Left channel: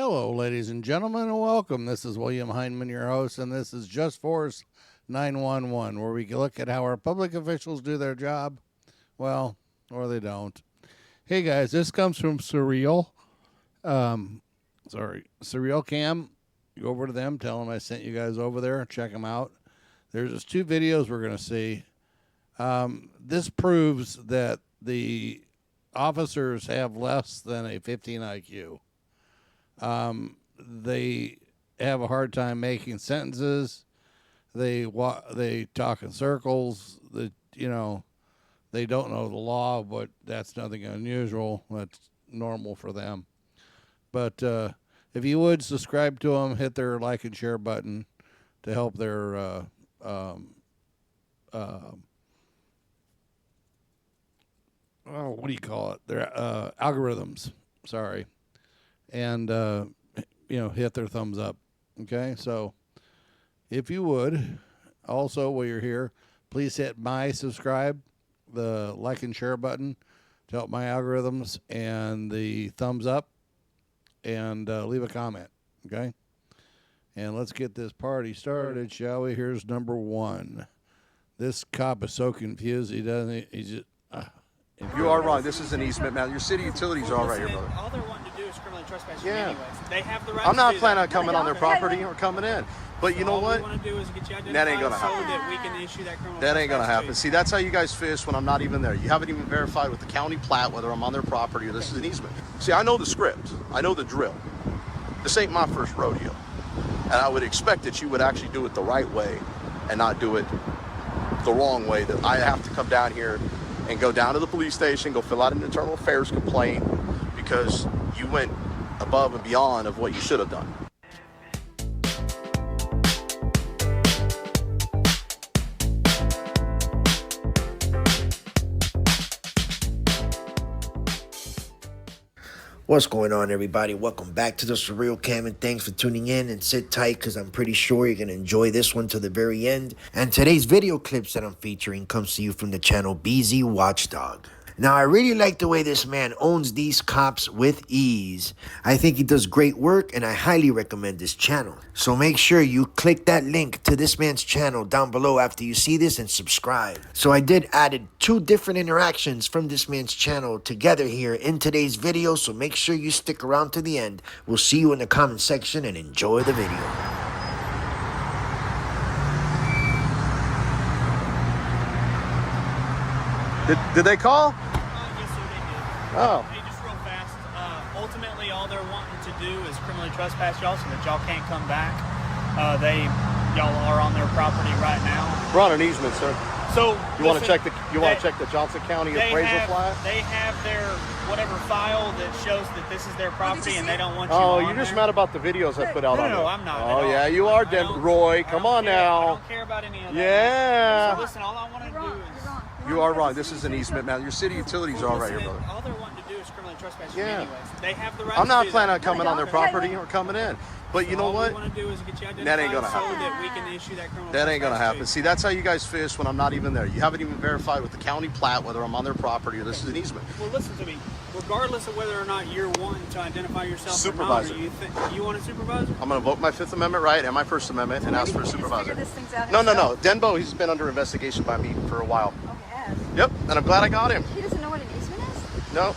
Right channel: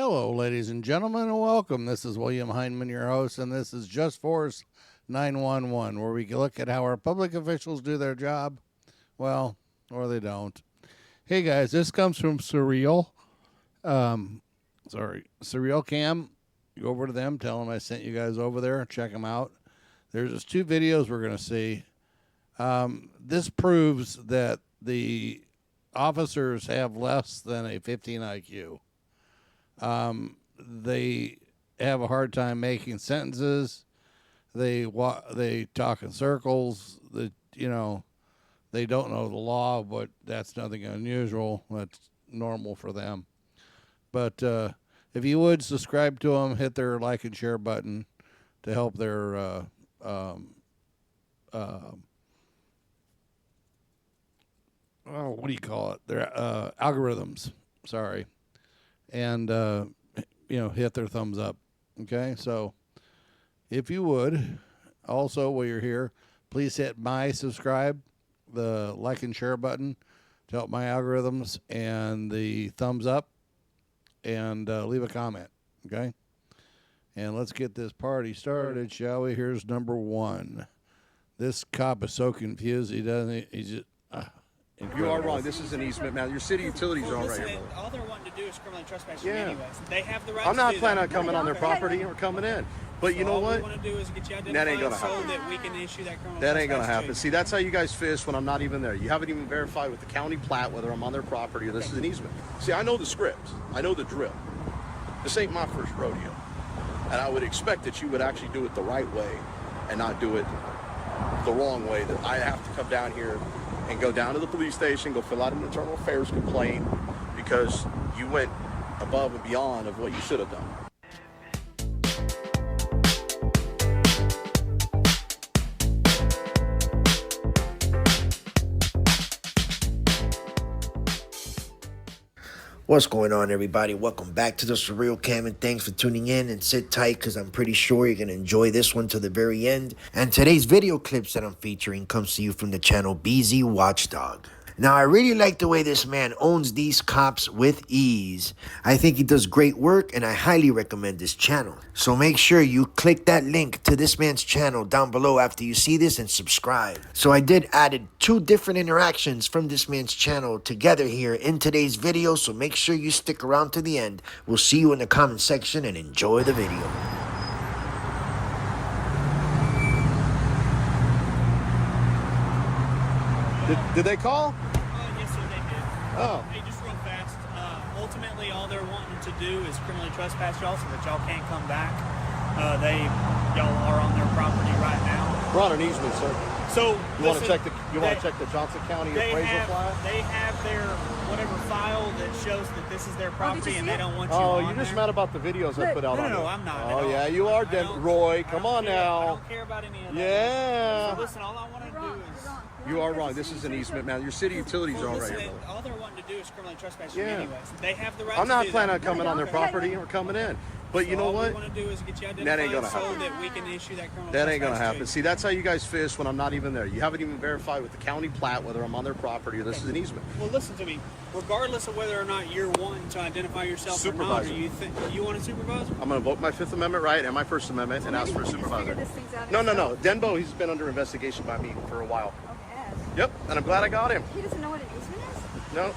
Hello, ladies and gentlemen, and welcome. This is William Heinman, your host, and this is Just Force 911, where we look at how our public officials do their job, well, or they don't. Hey, guys, this comes from Surreal. Surreal Cam. You go over to them, tell them I sent you guys over there, check them out. There's just two videos we're going to see. This proves that the officers have less than a 15 IQ. They have a hard time making sentences. They talk in circles. They don't know the law, but that's nothing unusual. That's normal for them. But if you would subscribe to them, hit their like and share button to help their what do you call it? Their algorithms. Sorry. And hit their thumbs up. Okay, so if you would, also while you're here, please hit my subscribe, the like and share button to help my algorithms, and the thumbs up, and leave a comment. Okay, and let's get this party started, shall we? Here's number one. This cop is so confused. He's just. You are right. This is an easement, man. Your city utilities are all right here, brother. All they're wanting to do is criminally trespass you Yeah. anyways. They have the right I'm not to planning on coming on their property or coming in. But you know what? All we want to do is get you identified That ain't gonna so happen. that we can issue that criminal That ain't gonna trespass happen. to See, that's how you guys fish when I'm not even there. You haven't even verified with the county plat whether I'm on their property or this is an easement. See, I know the script. I know the drill. This ain't my first rodeo. And I would expect that you would actually do it the right way and not do it the wrong way. That I have to come down here and go down to the police station, go fill out an internal affairs complaint because you went above and beyond of what you should have done. What's going on, everybody? Welcome back to the Surreal Cam, and thanks for tuning in. And sit tight, because I'm pretty sure you're going to enjoy this one to the very end. And today's video clips that I'm featuring comes to you from the channel WatchDog. Now, I really like the way this man owns these cops with ease. I think he does great work, and I highly recommend this channel. So make sure you click that link to this man's channel down below after you see this and subscribe. So I did added two different interactions from this man's channel together here in today's video, so make sure you stick around to the end. We'll see you in the comment section, and enjoy the video. Did they call? Yes, sir, they did. Oh. Hey, just real fast. Ultimately, all they're wanting to do is criminally trespass y'all so that y'all can't come back. Y'all are on their property right now. We're on an easement, sir. So You want to check the Johnson County appraisal flat? They have their whatever file that shows that this is their property, and they don't want you. Oh, on you're just there. mad about the videos I put out on it. No, I'm not. Oh, at all. yeah, you are, I don't- Roy. I Come don't on care. I now. don't care about any of that. Yeah. So listen, all I want to do is. You are right. This is an easement, man. Your city utilities are all right here, brother. All they're wanting to do is criminally trespass you Yeah. anyways. They have the right I'm not to do planning on that. coming on their property or coming in. But you know All what? we want to do is get you identified That ain't gonna so happen. that we can issue that criminal That ain't gonna trespass happen. to See, that's how you guys fish when I'm not even there. You haven't even verified with the county plat whether I'm on their property or this is an easement. you. Well, listen to me. Regardless of whether or not you're wanting to identify yourself Supervisor. or not, you want a supervisor? I'm gonna vote my Fifth Amendment right and my First Amendment and ask for a supervisor. No. Denbo, he's been under investigation by me for a while. Yep, and I'm glad I got him. He doesn't know what an easement is? No,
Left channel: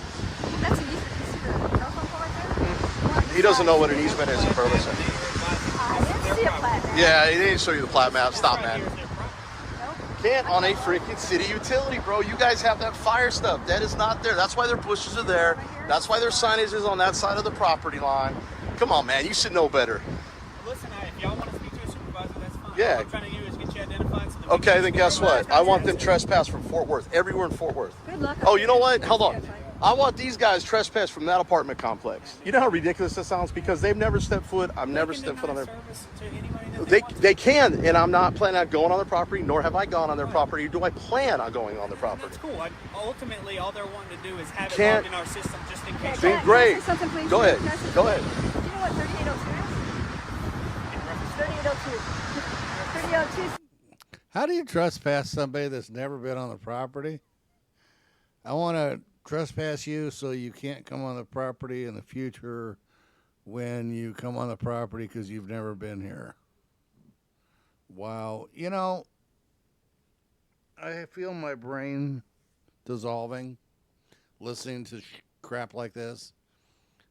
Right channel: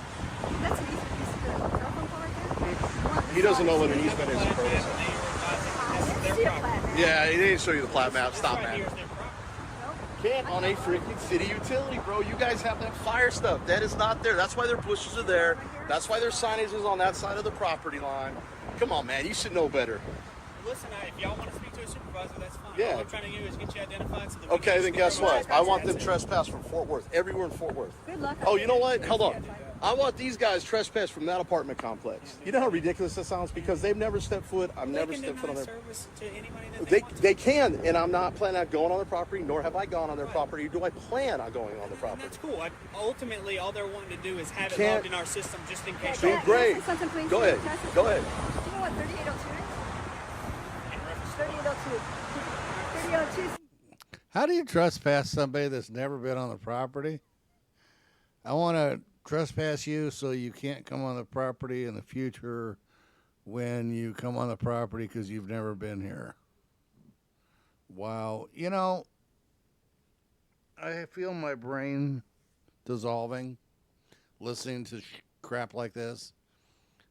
That's an easement. You see the telephone pole right there? he doesn't know what an easement is in Burleson. I see a plat. Yeah, he didn't show you the plat map. Stop, Right man. here is their property. Can't on a freaking city utility, bro. You guys have that fire stuff. That is not there. That's why their bushes are there. That's why their signage is on that side of the property line. Come on, man. You should know better. Well, listen, if y'all want to speak to a supervisor, that's fine. Yeah. All I'm trying to do is get you identified. So that we Okay, can then issue guess criminal what? I want them trespass. trespass from Fort Worth. Everywhere in Fort Worth. Good luck. Oh, you know what? Hold on. I want these guys trespass from that apartment complex. You know how ridiculous that sounds? Because they've never stepped foot. I've never They can stepped foot on deny their. service to anybody that they want to. They can, and I'm not planning on going on their property, nor have I gone on their property. Do I plan on going on their And property? that's cool. Ultimately, all they're wanting to do is have it Can't- logged in our system just in case. Doing great. Can I say something, please? Go ahead. Can I say Go ahead. something? Do you know what 3802 is? 3802. 3802. How do you trespass somebody that's never been on the property? I want to trespass you so you can't come on the property in the future when you come on the property because you've never been here. Wow. You know, I feel my brain dissolving listening to crap like this.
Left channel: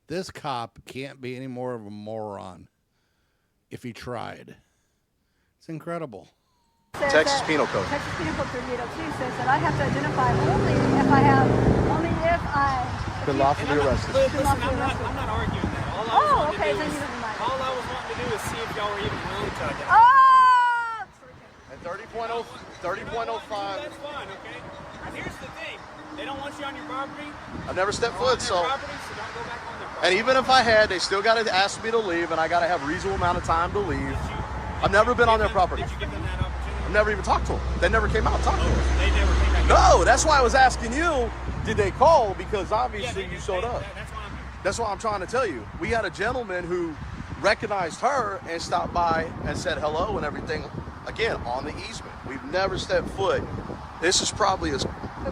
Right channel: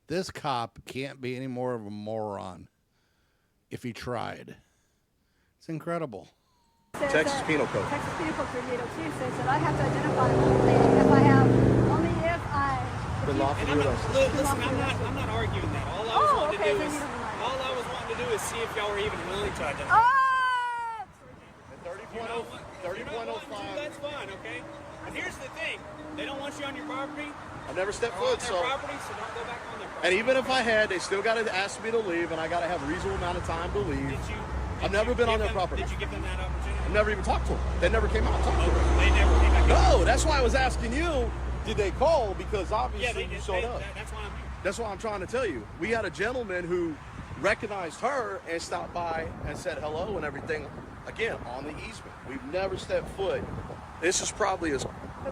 This cop can't be any more of a moron if he tried. It's incredible. Texas Penal Code. Texas Penal Code 3802 says that I have to identify only if I Been lawfully arrested. Listen, I'm not arguing that. All I was wanting to do is see if y'all were even willing to identify. Ah! At 30.0, 30.05. That's fine, okay? And here's the thing. They don't want you on your property. I've never stepped Or on foot, their so. property, so don't go back on their property. And even if I had, they still got to ask me to leave, and I got to have a reasonable amount of time to leave. I've never been on their property. Did you give them that opportunity? I've never even talked to them. They never came out and talked to me. They never came. No, that's why I was asking you, did they call? Because obviously you showed up. That's why I'm here. That's what I'm trying to tell you. We had a gentleman who recognized her and stopped by and said hello and everything, again, on the easement. We've never stepped foot. This is probably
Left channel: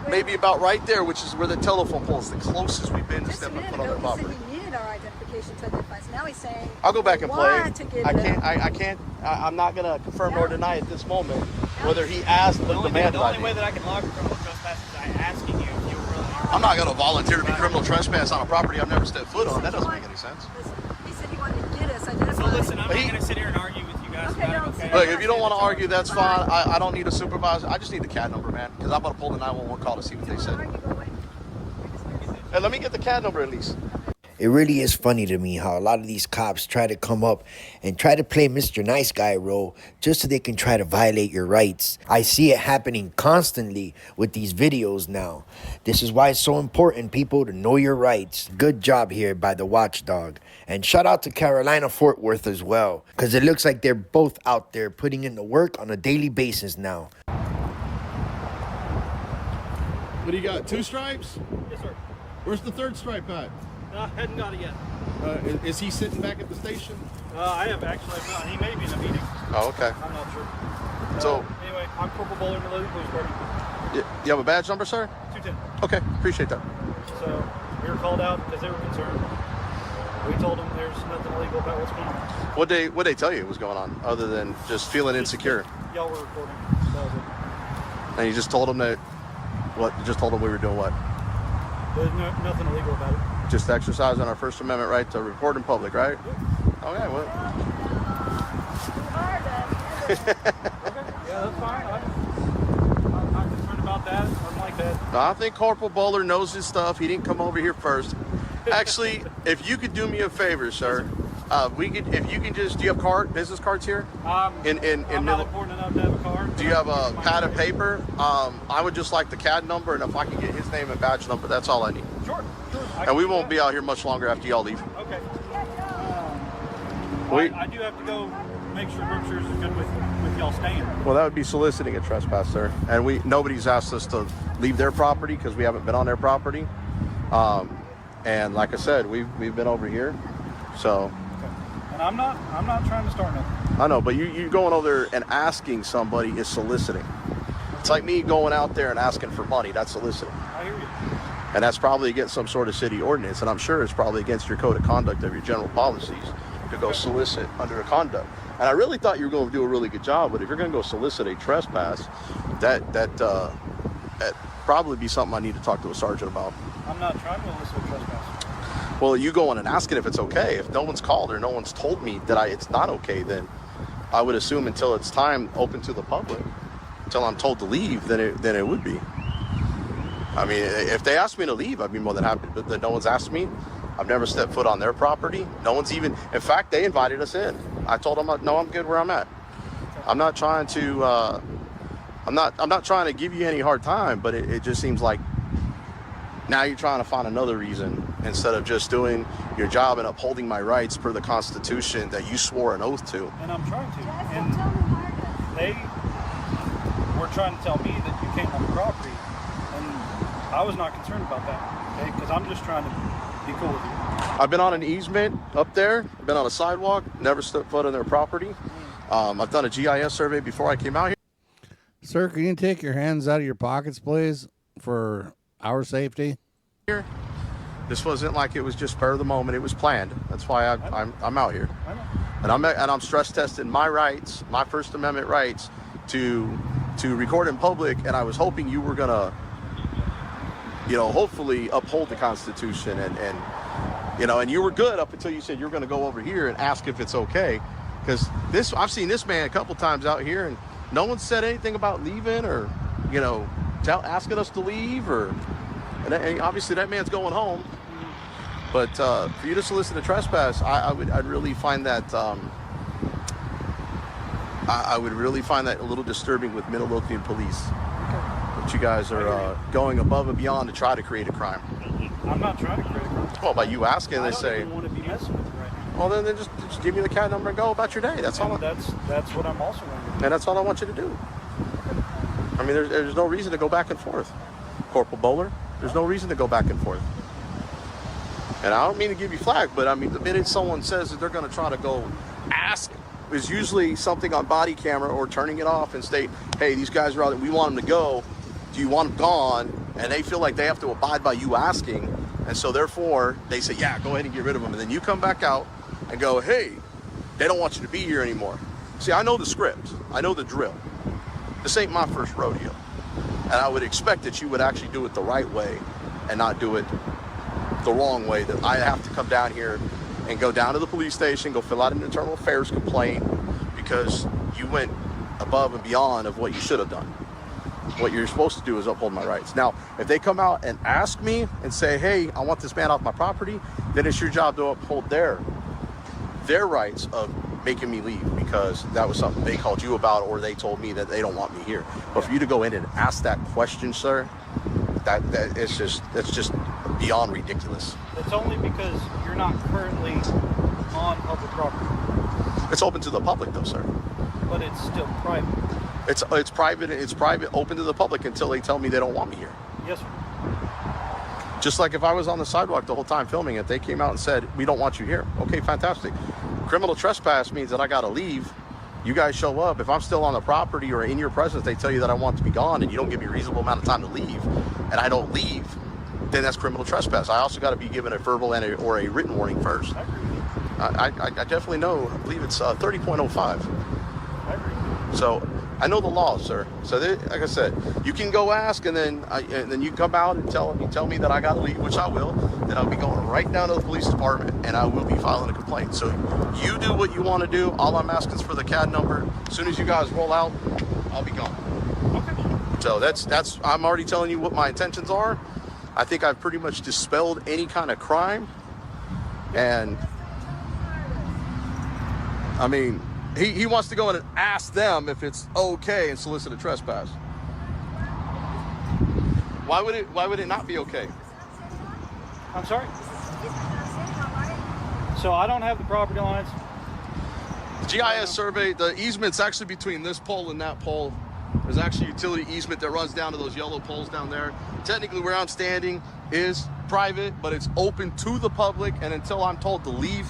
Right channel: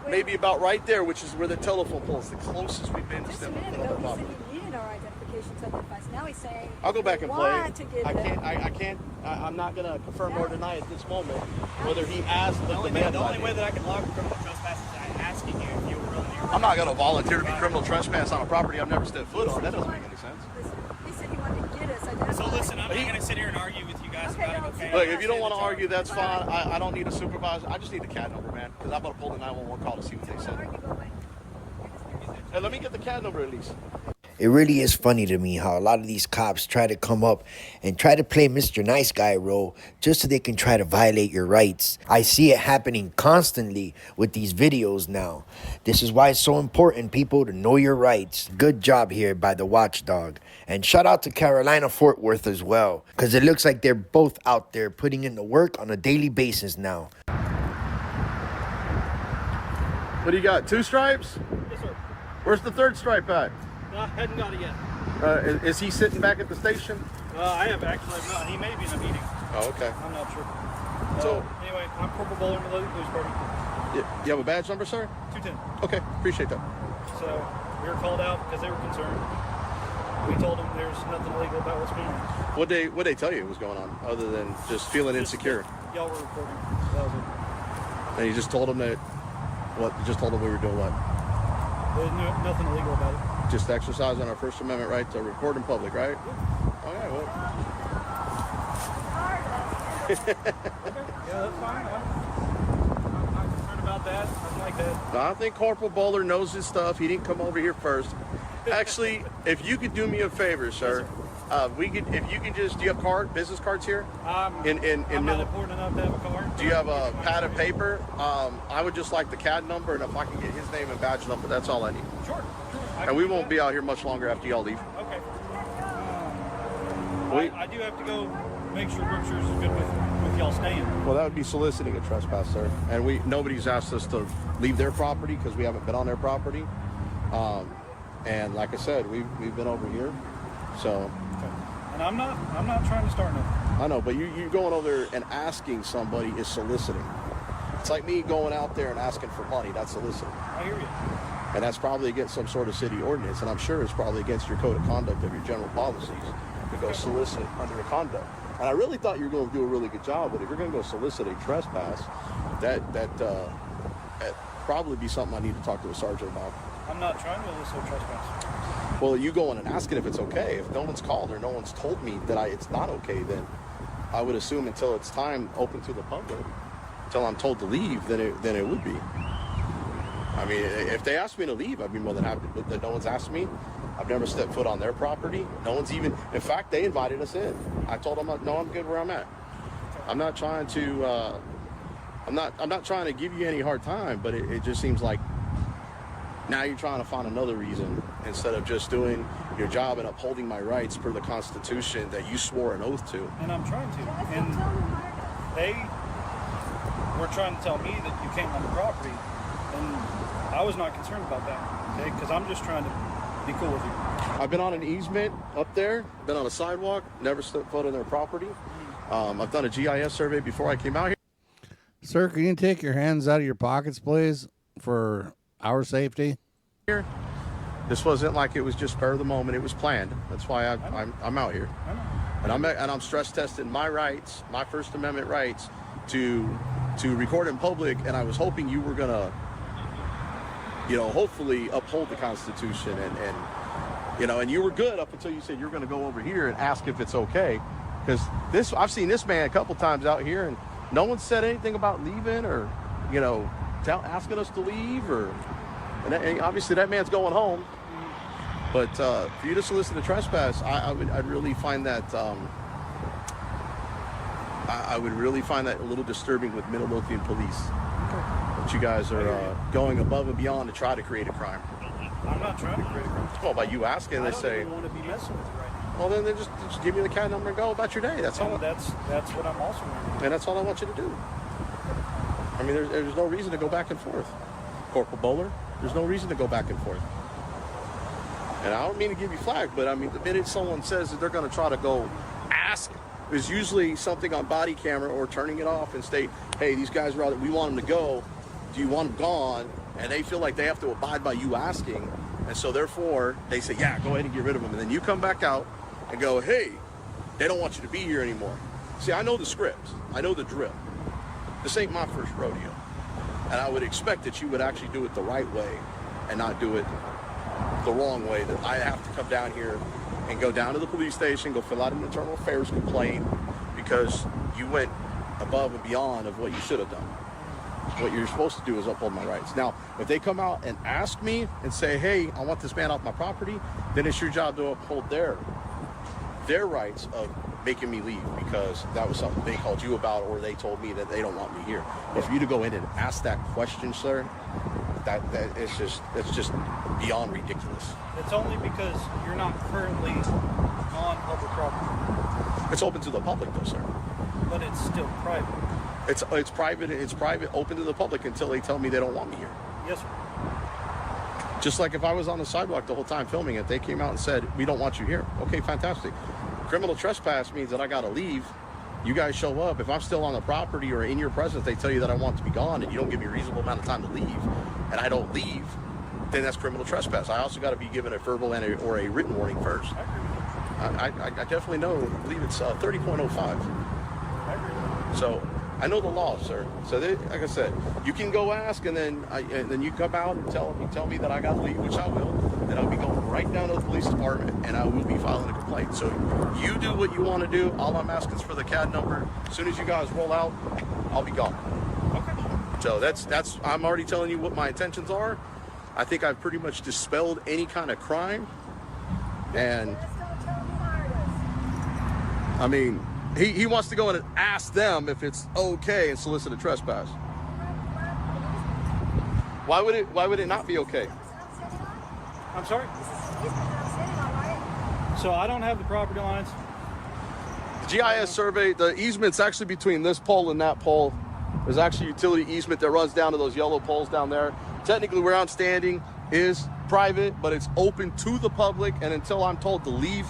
maybe about right there, which is where the telephone pole is, the closest we've been to Just a stepping minute foot on ago, the he said property. he needed our identification to identify us. Now he's saying I'll go back and play. want to get I can't. I'm not gonna confirm or deny at this moment whether he asked or demanded The only way ID. that I can log a criminal trespass is by asking you if you're really I'm not gonna volunteer to be criminal trespass on a property I've never stepped foot on. That doesn't make any sense. He said he wanted to get us identified. So listen, I'm not going to sit here and argue with you guys Okay, about it, no, okay? Look, if you don't want to argue, that's fine. I don't need a supervisor. I just need the CAD number, man, because I'm gonna pull the 911 call to see what they said. Hey, let me get the CAD number at least. It really is funny to me how a lot of these cops try to come up and try to play Mr. Nice Guy role just so they can try to violate your rights. I see it happening constantly with these videos now. This is why it's so important, people, to know your rights. Good job here by the Watchdog. And shout out to Carolina Fort Worth as well, because it looks like they're both out there putting in the work on a daily basis now. What do you got? 2 stripes? Yes, sir. Where's the 3rd stripe at? I hadn't got it yet. Is he sitting back at the station? I have actually not. He may be in a meeting. Oh, okay. I'm not sure. So, Anyway, I'm Corporal Bowler in the Lady Police Department. you have a badge number, sir? 210. Okay, appreciate that. So, we were called out because they were concerned. We told them there's nothing illegal about what's going on. What they tell you was going on, other than just feeling insecure? Y'all were recording. That was it. And you just told them that, what? You just told them we were doing what? There's nothing illegal about it. Just exercising our First Amendment right to record in public, right? Okay, well. Yeah, that's fine. I'm not concerned about that. Something like that. I think Corporal Bowler knows his stuff. He didn't come over here first. Actually, if you could do me a favor, sir, if you can just, do you have business cards here? I'm not middle. important enough to have a card. Do you have a pad of paper? I would just like the CAD number, and if I can get his name and badge number, that's all I need. Sure. And we won't be out here much longer after y'all leave. Okay. We- I do have to go make sure Berkshire's is good with y'all staying. Well, that would be soliciting a trespass, sir. And nobody's asked us to leave their property because we haven't been on their property. And like I said, we've been over here, so. Okay. And I'm not trying to start nothing. I know, but you going over there and asking somebody is soliciting. It's like me going out there and asking for money. That's soliciting. I hear you. And that's probably against some sort of city ordinance. And I'm sure it's probably against your code of conduct of your general policies to go solicit under a conduct. And I really thought you were going to do a really good job. But if you're going to go solicit a trespass, that probably be something I need to talk to a sergeant about. I'm not trying to elicit trespass. Well, you going and asking if it's okay. If no one's called or no one's told me that it's not okay, then I would assume until it's time open to the public, until I'm told to leave, then it would be. I mean, if they asked me to leave, I'd be more than happy. But no one's asked me. I've never stepped foot on their property. No one's even. In fact, they invited us in. I told them, no, I'm good where I'm at. I'm not trying to. I'm not trying to give you any hard time, but it just seems like now you're trying to find another reason instead of just doing your job and upholding my rights per the Constitution that you swore an oath to. And I'm trying to. And they were trying to tell me that you came on the property, and I was not concerned about that, okay? Because I'm just trying to be cool with you. I've been on an easement up there, been on a sidewalk, never stepped foot on their property. I've done a GIS survey before I came out here. Sir, can you take your hands out of your pockets, please, for our safety? This wasn't like it was just spur of the moment. It was planned. That's why I'm out here. I know. And I'm stress testing my rights, my First Amendment rights to record in public. And I was hoping you were gonna, hopefully uphold the Constitution and you were good up until you said you're gonna go over here and ask if it's okay. Because I've seen this man a couple times out here and no one said anything about leaving or, asking us to leave and obviously that man's going home. But for you to solicit a trespass, I'd really find that I would really find that a little disturbing with Midlothian police. That you guys are going above and beyond to try to create a crime. I'm not trying to create a crime. Well, by you asking, they say, I don't even want to be messing with you right now. well, then just give me the CAD number and go about your day. That's all. That's what I'm also going to do. And that's all I want you to do. I mean, there's no reason to go back and forth. Corporal Bowler, there's no reason to go back and forth. And I don't mean to give you flag, but I mean, the minute someone says that they're going to try to go ask, is usually something on body camera or turning it off and state, hey, these guys are out, we want them to go. Do you want them gone? And they feel like they have to abide by you asking. And so therefore they say, yeah, go ahead and get rid of them. And then you come back out and go, hey, they don't want you to be here anymore. See, I know the script. I know the drill. This ain't my first rodeo. And I would expect that you would actually do it the right way and not do it the wrong way, that I have to come down here and go down to the police station, go fill out an internal affairs complaint because you went above and beyond of what you should have done. What you're supposed to do is uphold my rights. Now, if they come out and ask me and say, hey, I want this man off my property, then it's your job to uphold their rights of making me leave because that was something they called you about or they told me that they don't want me here. But for you to go in and ask that question, sir, that's just beyond ridiculous. It's only because you're not currently on public property. It's open to the public though, sir. But it's still private. It's private. It's private, open to the public until they tell me they don't want me here. Yes, sir. Just like if I was on the sidewalk the whole time filming it, they came out and said, we don't want you here. Okay, fantastic. Criminal trespass means that I got to leave. You guys show up. If I'm still on the property or in your presence, they tell you that I want to be gone and you don't give me a reasonable amount of time to leave, and I don't leave, then that's criminal trespass. I also got to be given a verbal or a written warning first. I definitely know. I believe it's 30.05. So I know the law, sir. So like I said, you can go ask, and then you come out and tell me that I got to leave, which I will. Then I'll be going right down to the police department, and I will be filing a complaint. So you do what you want to do. All I'm asking is for the CAD number. As soon as you guys roll out, I'll be gone. Okay. So that's. I'm already telling you what my intentions are. I think I've pretty much dispelled any kind of crime, and I mean. He wants to go in and ask them if it's okay and solicit a trespass. Why would it not be okay? I'm sorry? So I don't have the property lines. The GIS survey, the easement's actually between this pole and that pole. There's actually a utility easement that runs down to those yellow poles down there. Technically where I'm standing is private, but it's open to the public, and until I'm told to leave,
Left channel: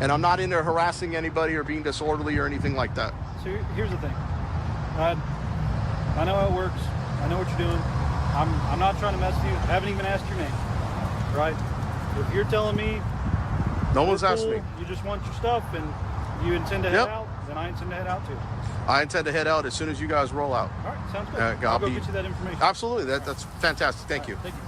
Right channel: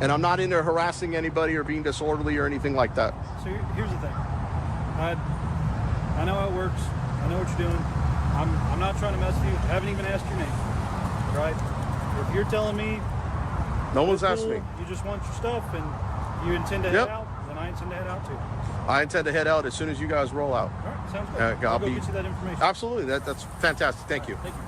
and I'm not in there harassing anybody or being disorderly or anything like that. So here's the thing. I know how it works. I know what you're doing. I'm not trying to mess with you. I haven't even asked your name. Right? If you're telling me no one's asked me. You just want your stuff and you intend to head out, then I intend to head out too. I intend to head out as soon as you guys roll out. All right, sounds good. I'll go get you that information. Absolutely. That's fantastic. Thank you. Thank you.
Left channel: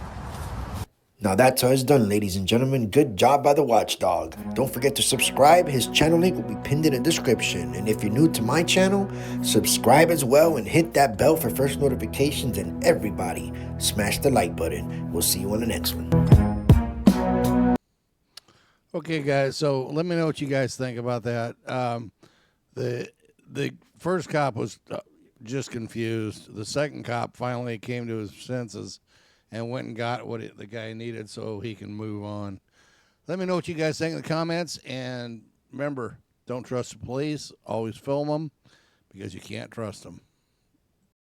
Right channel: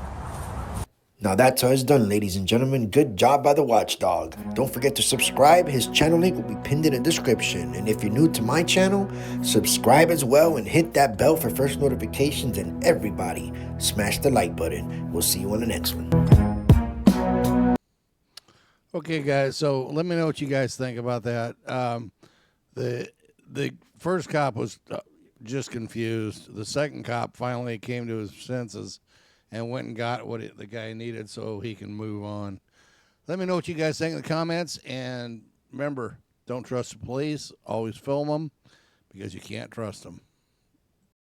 Now that's how it's done, ladies and gentlemen. Good job by the watchdog. Don't forget to subscribe. His channel link will be pinned in the description. And if you're new to my channel, subscribe as well and hit that bell for first notifications. And everybody, smash the like button. We'll see you on the next one. Okay, guys. So let me know what you guys think about that. The first cop was just confused. The second cop finally came to his senses and went and got what the guy needed so he can move on. Let me know what you guys think in the comments. And remember, don't trust the police. Always film them because you can't trust them.